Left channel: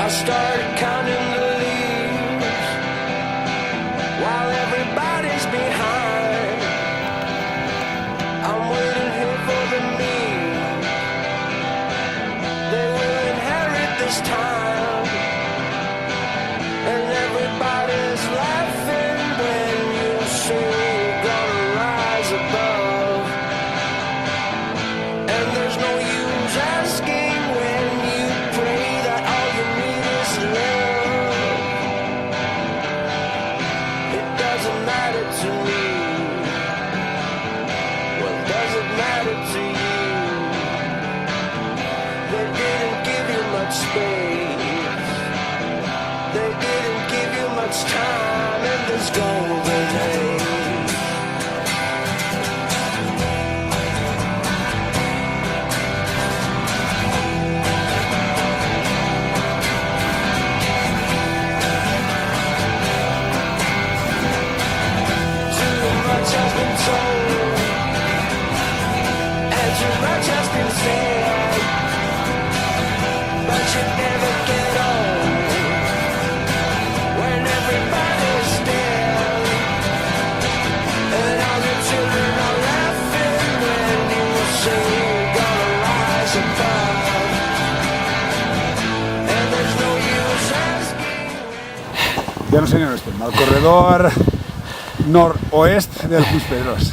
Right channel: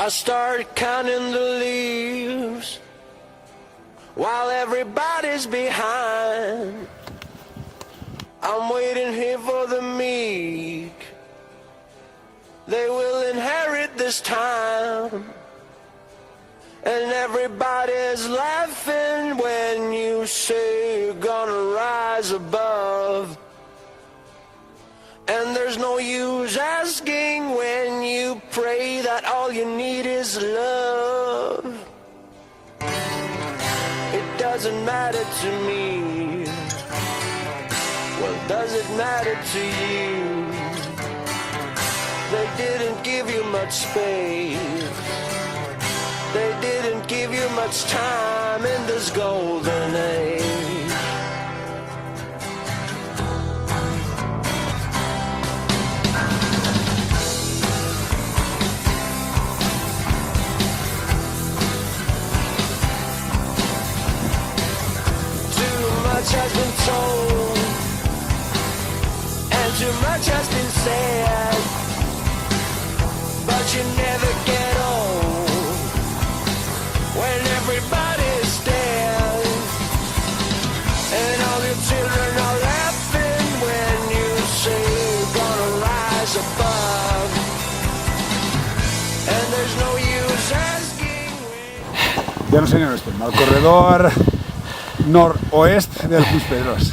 I started counting the leaves while everybody's behind. I'm waiting here for the meek. They will inherit this time. And everybody's laughing when you say you're gonna rise above. And there's no use asking when you pray that all you need is love. It doesn't matter to me. Well, does it matter to you? They didn't give you much space. They didn't give you much time in this golden age. Too much has been told, and too much has been said, but you never get old when everybody's dead, and all your children are laughing when you say you're gonna rise above, and there's no use asking. Ya no sé ni dónde estoy, al corredor noroeste del Puig Pedrós.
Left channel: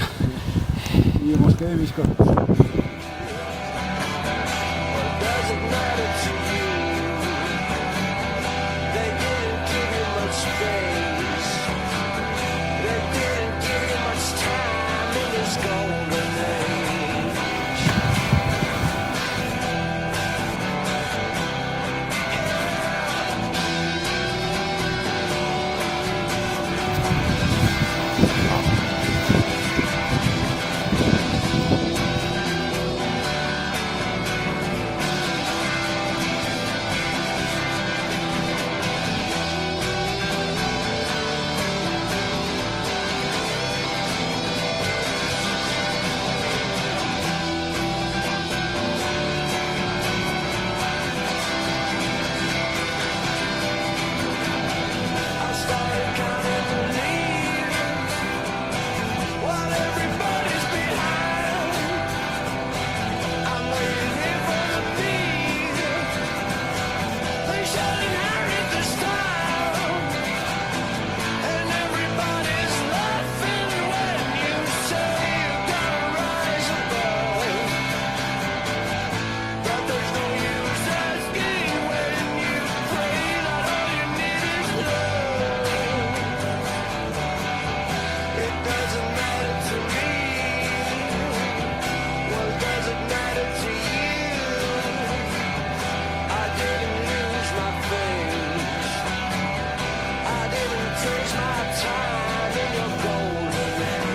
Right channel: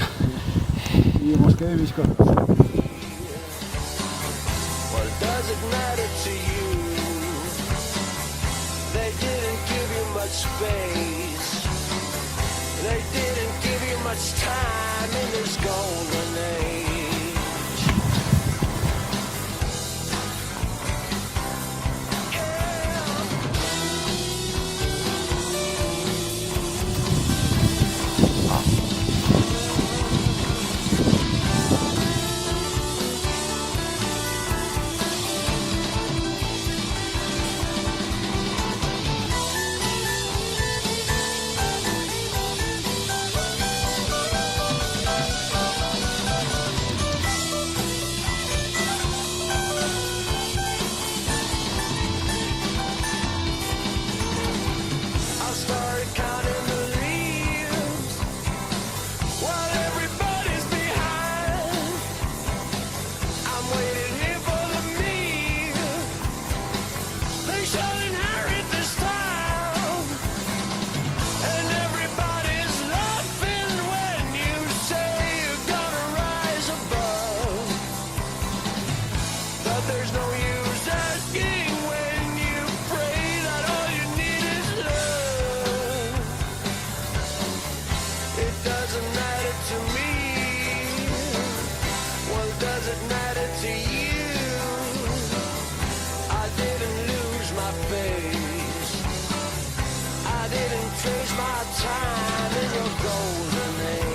Y hemos quedado mis cosas. Well, does it matter to you? They didn't give you much space. They didn't give you much time in this golden age. I started counting the leaves while everybody's behind. I'm waiting here for the meek. They shall inherit this town, and everybody's laughing when you say you're gonna rise above. But there's no use asking when you pray that all you need is love. It doesn't matter to me. Well, does it matter to you? I didn't lose my face. I didn't trace my time in your golden age.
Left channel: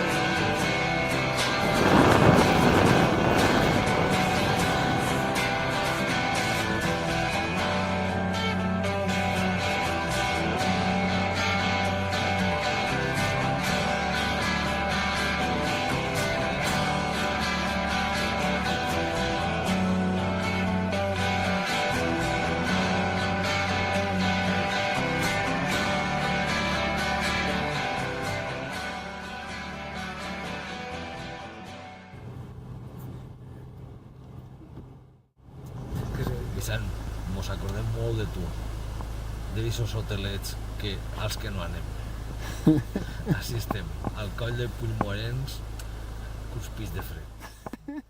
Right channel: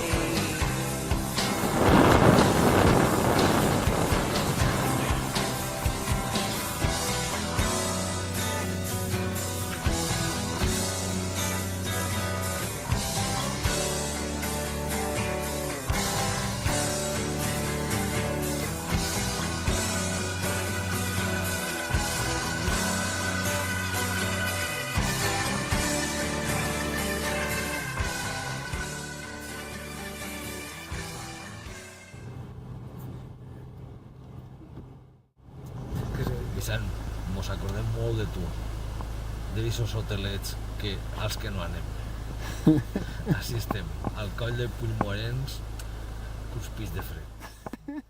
Vicent, mos acordem molt de tu, d'aquests hotelets que, als que no anem. Així estem, al coll de Puigmorens, cuspits de fred.